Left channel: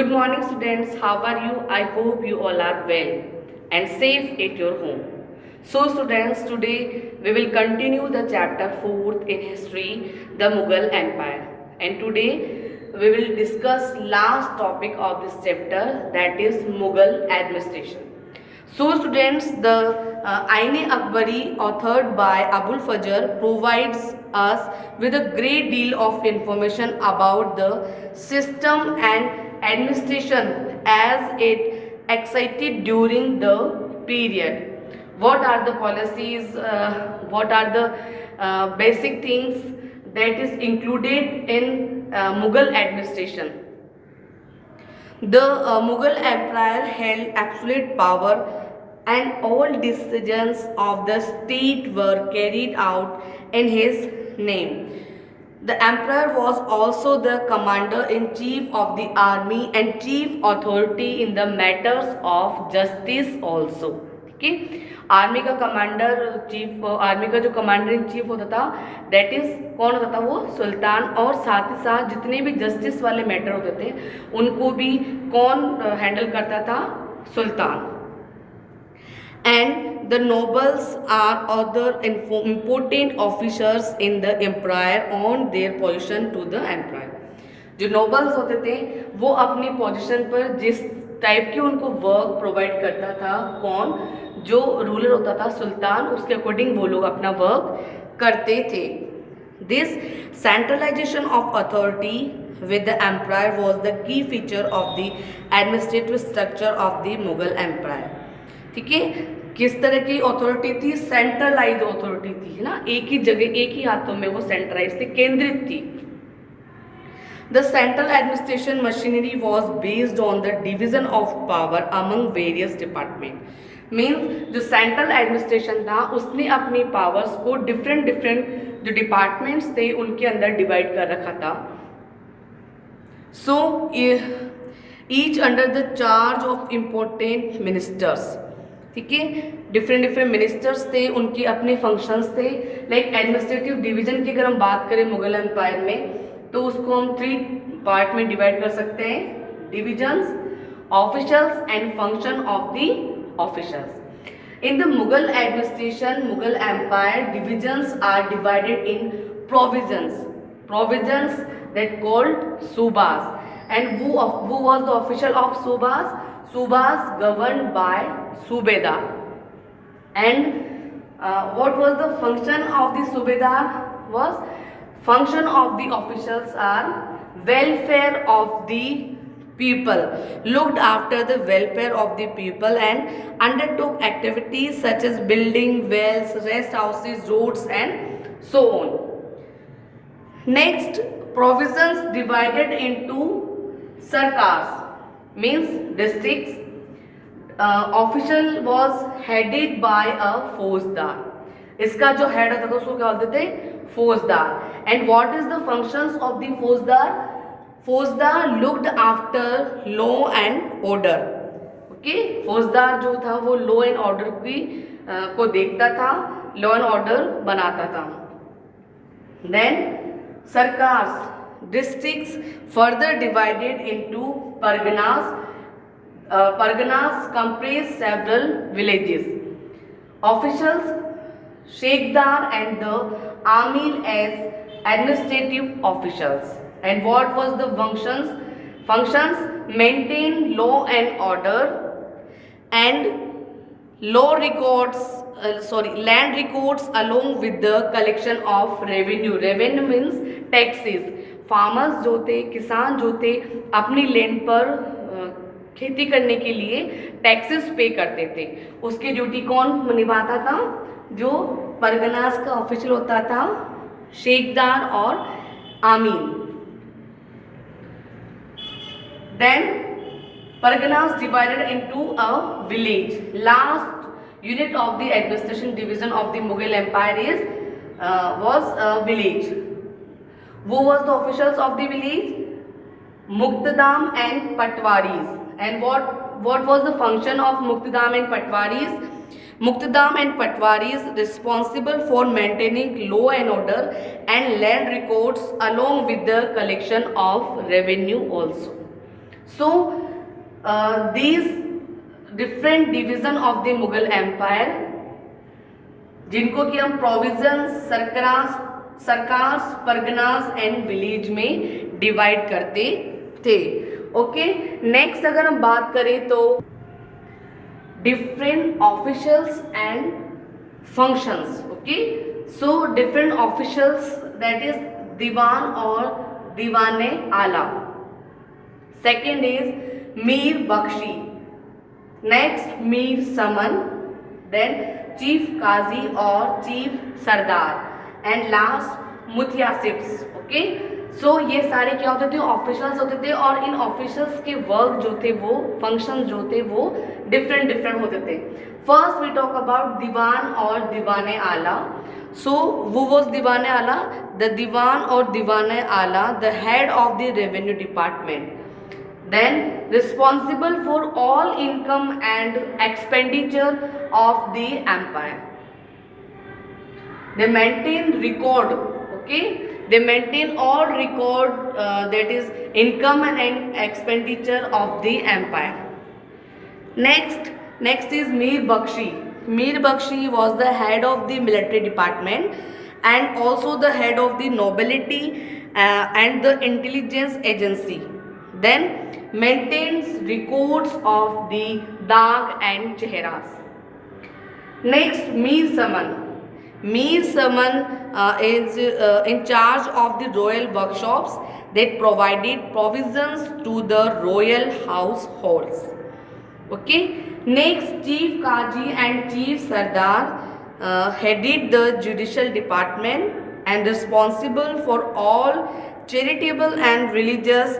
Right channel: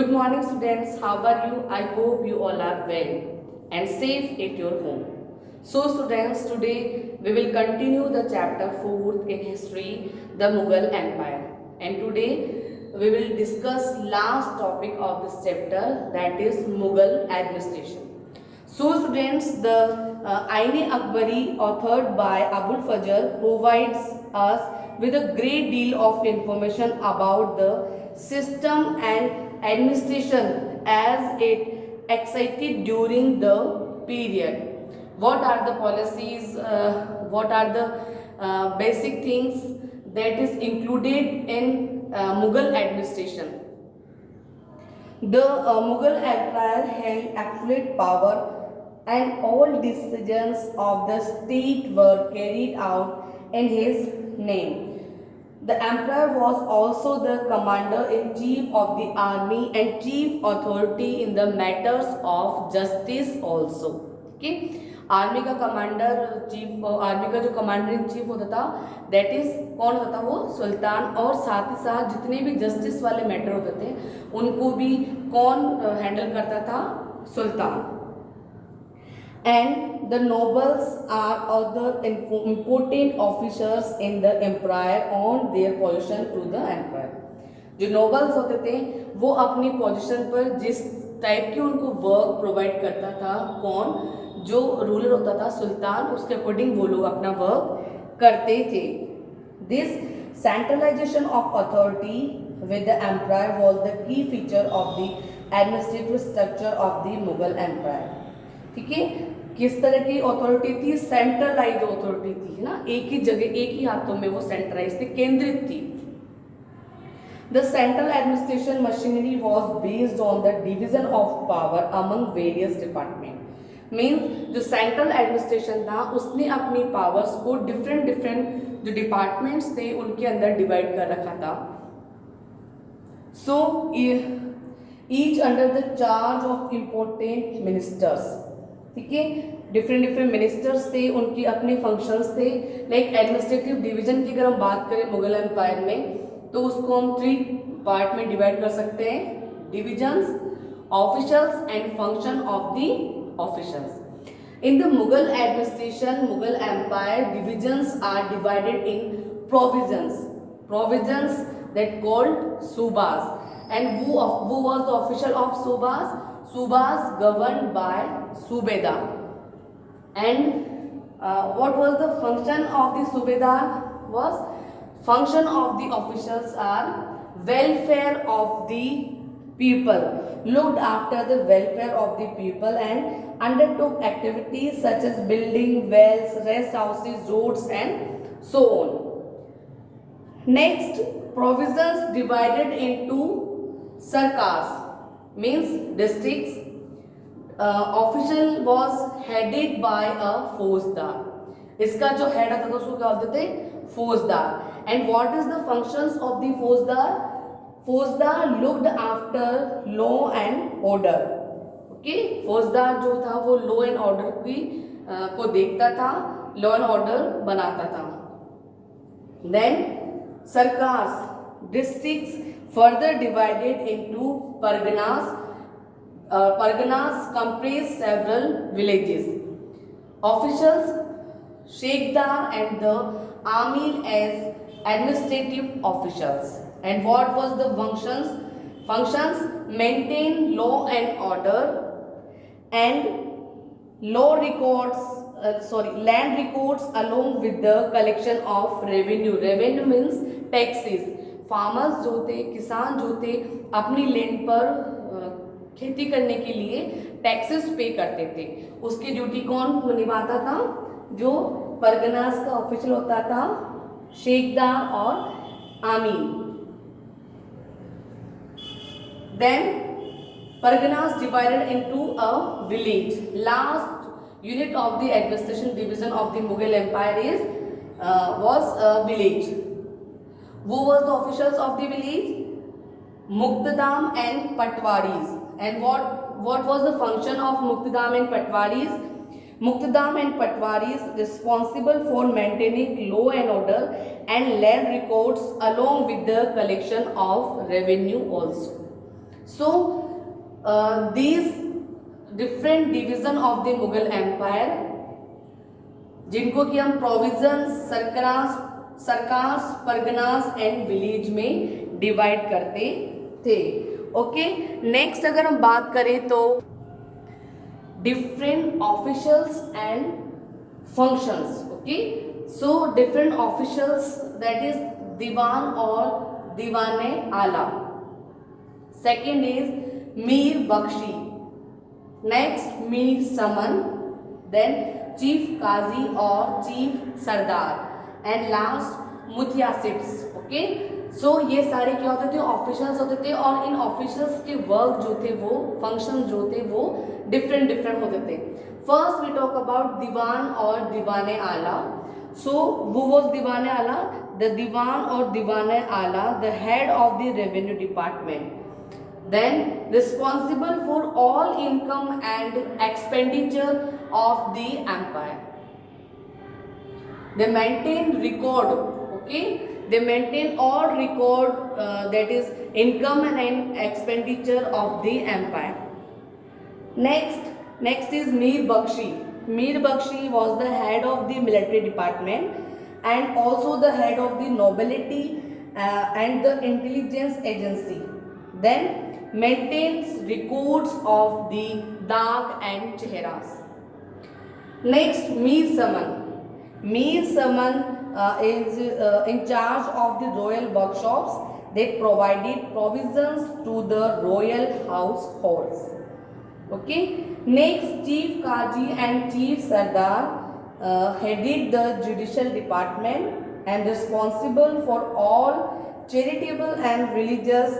Good morning, students. How are you? I hope you all are well and safe at your home. So, students, today we will continue the chapter 4th in history, the Mughal Empire. And today we will discuss last topic of this chapter, that is Mughal administration. So, students, the Ain-e-Akbari, authored by Abul Fajr, provides us with a great deal of information about the system and administration as it excited during the period. What are the policies? What are the basic things that is included in Mughal administration? The Mughal Empire held absolute power and all decisions of the state were carried out in his name. The emperor was also the commander-in-chief of the army and chief authority in the matters of justice also. Okay? Army का commander chief, army का जो commander in chief होता था that is कौन होता था? वो सुल्तान। और साथ ही साथ जितने भी जस्टिस वाले मैटर होते थे उनको भी कौन हैंडल करता था? सुल्तान। And the nobles are other important officers in the empire on their position to the empire. जो नोबल्स होते थे वो अपनी पोजीशन पर जिस टाइप की उनको वर्क प्रोवाइड करता था, कौन? जो रूलर होता था सुल्तान, उसके अकॉर्डिंग वो लोग अपना वर्क करते थे। This centralisation of authority with the empire was the key feature of the administrative structure of the Mughal empire. ठीक है, किस तरह की अथॉरिटी थी? सेंट्रलाइज अथॉरिटी थी ना, एक ही जगह एक ही हाथों में वो सेंट्रलाइज थी, केंद्रित थी। The central administration machinery was based on the division of power among various departments. Means जो सेंट्रल एडमिनिस्ट्रेशन था उसने अपनी पावर्स को डिफरेंट जो डिपार्टमेंट्स थे उनके अंदर डिवाइड कर रखा था। So each under the charge of important ministers. ठीक है, डिफरेंट मिनिस्टर्स थे, उनके अपने फंक्शंस थे। लाइक एडमिनिस्ट्रेटिव डिवीजन की अगर हम बात करें मुगल एम्पायर में तो उसको हम 3 पार्ट में डिवाइड कर सकते हैं: divisions, officials and function of the officials. In the Mughal administration, Mughal empire, divisions are divided in provinces. Provinces that called subas. And who was the official of subas? Subas governed by subedar. And what was the function of the subedar? Was function of the officials are welfare of the people, looked after the welfare of the people and undertook activities such as building wells, rest houses, roads and so on. Next, provinces divided into sarkars, means districts. Official was headed by a फौजदार। इसका जो head होता था उसको क्या बोलते थे? फौजदार। And what is the functions of the फौजदार? फौजदार looked after law and order. Okay, फौजदार जो था वो लॉ एंड ऑर्डर की को देखता था, लॉ एंड ऑर्डर बनाता था। Then sarkars, districts further divided into parganas. Parganas comprise several villages. Officials, shiqdar and the amir as administrative officials. And what was the functions? Functions: maintain law and order and land records along with the collection of revenue. Revenue means taxes. Farmers जो थे, किसान जो थे, अपनी land पर खेती करने के लिए टैक्सेस पे करते थे। उसकी ड्यूटी कौन निभाता था? जो परगनास का ऑफिशियल होता था, शेखदार और आमीन। Then Parganas divided into a village. Last unit of the administration division of the Mughal Empire was a village. Who was the officials of the village? Muqtadam and Patwaris. And what was the function of Muqtadam and Patwaris? Muqtadam and Patwaris responsible for maintaining law and order and land records along with the collection of revenue also. So these different division of the Mughal Empire, जिनको कि हम provisions, sarkars, parganas and village में divide करते थे. Okay, next अगर हम बात करें तो different officials and functions. Okay, so different officials, that is diwan और Diwane Ala. Second is Mir Bakhshi. Next Mir Saman, then chief Qazi और chief sardar, and last muhtasibs. Okay, so ये सारे क्या होते थे, ऑफिशियल्स होते थे, और इन ऑफिशियल्स के वर्क जो थे, वो फंक्शन जो थे, वो डिफरेंट होते थे. फर्स्ट वी टॉक अबाउट दीवान और दीवाने आला. सो वो वॉज दीवाने आला, द दीवान और दीवाने आला, the head of the revenue department, then responsible for all income and expenditure of the empire. They maintain record. Okay, they maintain all record, that is income and expenditure of the empire. Next is Mir Bakshi. Mir Bakshi was the head of the military department and also the head of the nobility and the intelligence agency. Then maintains records of the Dag and Cheharas. Next, Mir Saman. Mir Saman is in charge of the royal workshops that provided provisions to the royal households. Okay. Next, Chief Kaji and Chief Sardar headed the judicial department and responsible for all charitable and religious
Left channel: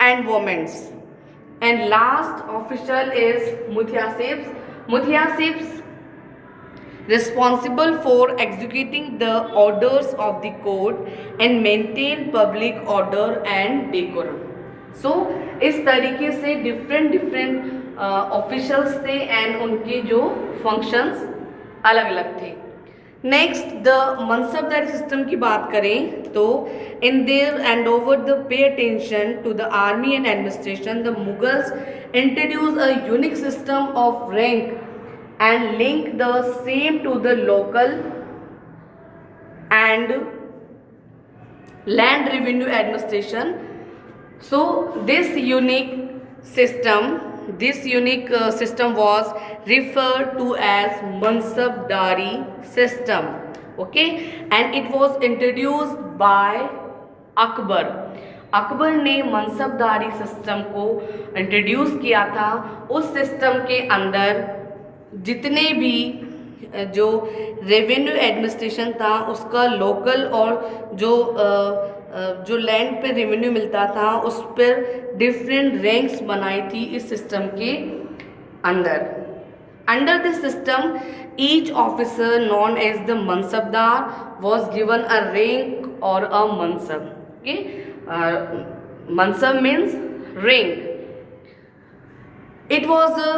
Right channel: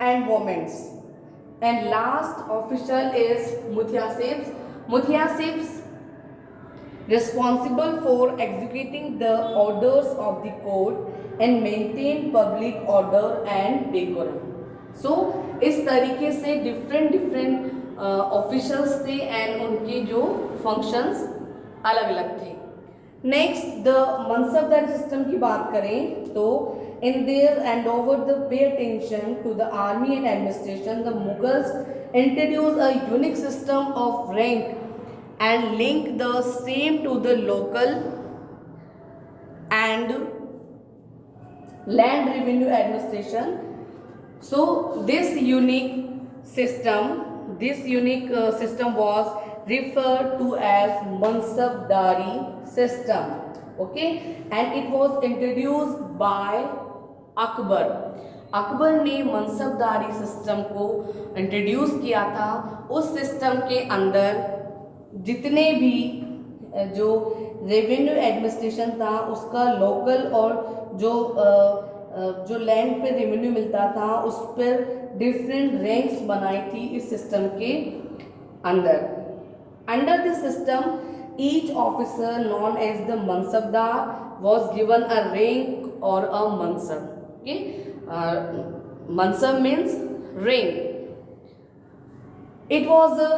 endowments. And last official is Muthiyasibs. Muthiyasibs responsible for executing the orders of the court and maintain public order and decorum. So इस तरीके से different officials थे and उनके जो functions अलग अलग थे. Next, the मनसबदारी system की बात करें तो in there and over the pay attention to the army and administration, the Mughals introduce a unique system of rank and link the same to the local and land revenue administration. So this unique system was referred to as Mansabdari system. Okay, and it was introduced by Akbar. Akbar ने मनसबदारी system को introduce किया था. उस system के अंदर जितने भी जो रेवेन्यू एडमिनिस्ट्रेशन था उसका लोकल और जो लैंड पे रेवेन्यू मिलता था उस पर डिफरेंट रैंक्स बनाई थी इस सिस्टम के अंदर. Under this system each officer known as the mansabdar was given a rank और a mansab. Okay, mansab means rank. It was a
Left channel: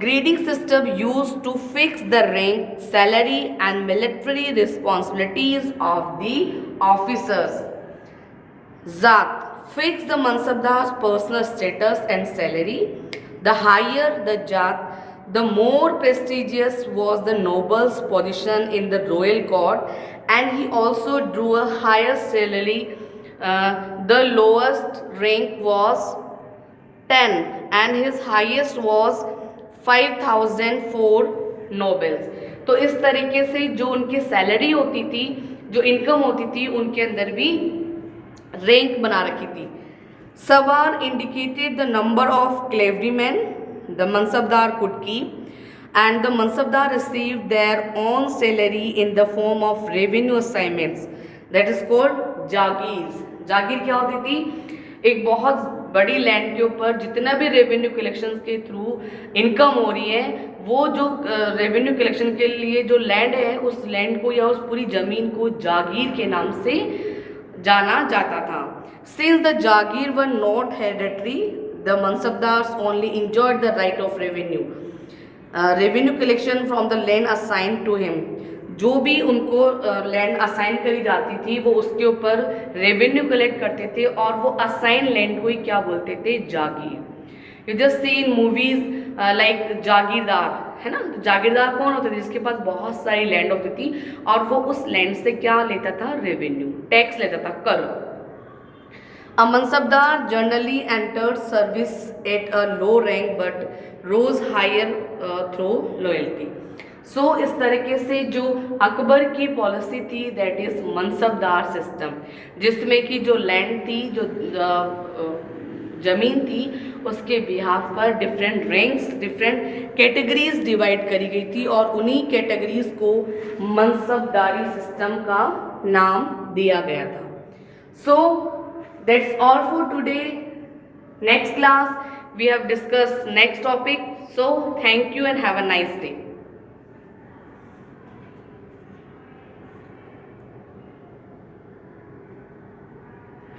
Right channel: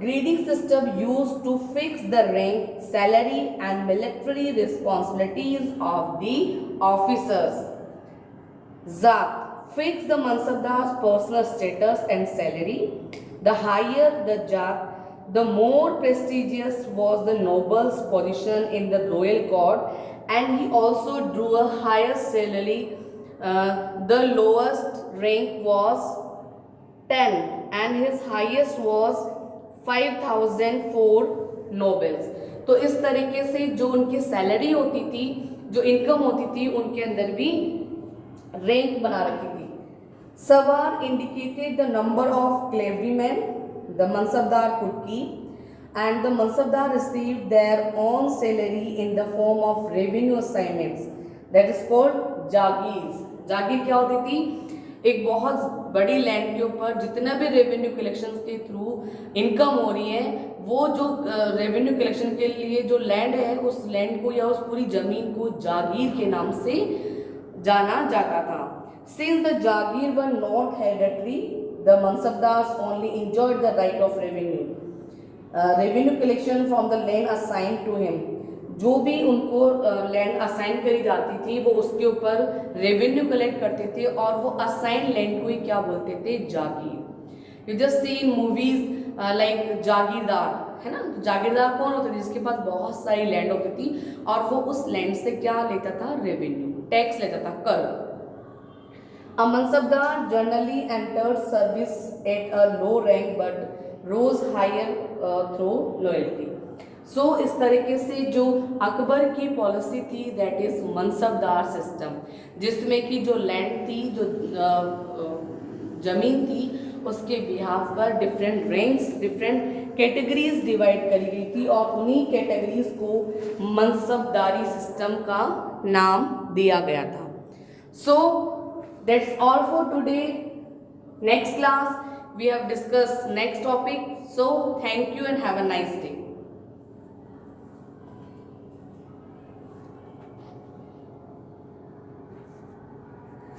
grading system used to fix the rank, salary and military responsibilities of the officers. Zat fixed the Mansabdar's personal status and salary. The higher the Jat, the more prestigious was the noble's position in the royal court, and he also drew a higher salary. The lowest rank was 10 and his highest was 5,004 nobles. तो इस तरीके से जो उनकी salary होती थी, जो income होती थी, उनके अंदर भी रैंक बना रखी थी. Savar indicated the number of cavalrymen the Mansabdar could keep, and the Mansabdar received their own salary in the form of revenue assignments, that is called जागीर. जागीर क्या होती थी? एक बहुत बड़ी लैंड के ऊपर जितना भी रेवेन्यू कलेक्शन के थ्रू इनकम हो रही है, वो जो रेवेन्यू कलेक्शन के लिए जो लैंड है, उस लैंड को या उस पूरी ज़मीन को जागीर के नाम से जाना जाता था. Since the jagir were not hereditary, the mansabdars only enjoyed the right of revenue collection from the land assigned to him. जो भी उनको लैंड असाइन करी जाती थी वो उसके ऊपर रेवेन्यू कलेक्ट करते थे और वो असाइन लैंड को ही क्या बोलते थे? Jagir. You just see in movies like jagirdar, है ना। तो जागीरदार कौन होता था? जिसके पास बहुत सारी लैंड होती थी और वो उस लैंड से क्या लेता था? रेवेन्यू, टैक्स लेता था, कर। A mansabdar generally entered service at a low rank but rose higher through loyalty. सो इस तरीके से जो अकबर की पॉलिसी थी दैट इज मनसबदार सिस्टम, जिसमें कि जो लैंड थी, जो जमीन थी, उसके बिहाफ पर different ranks, different categories divide करी गई थी और उन्हीं कैटेगरीज को मनसबदारी सिस्टम का नाम दिया गया था। सो that's all for today. Next class we have discussed next topic. So thank you and have a nice day.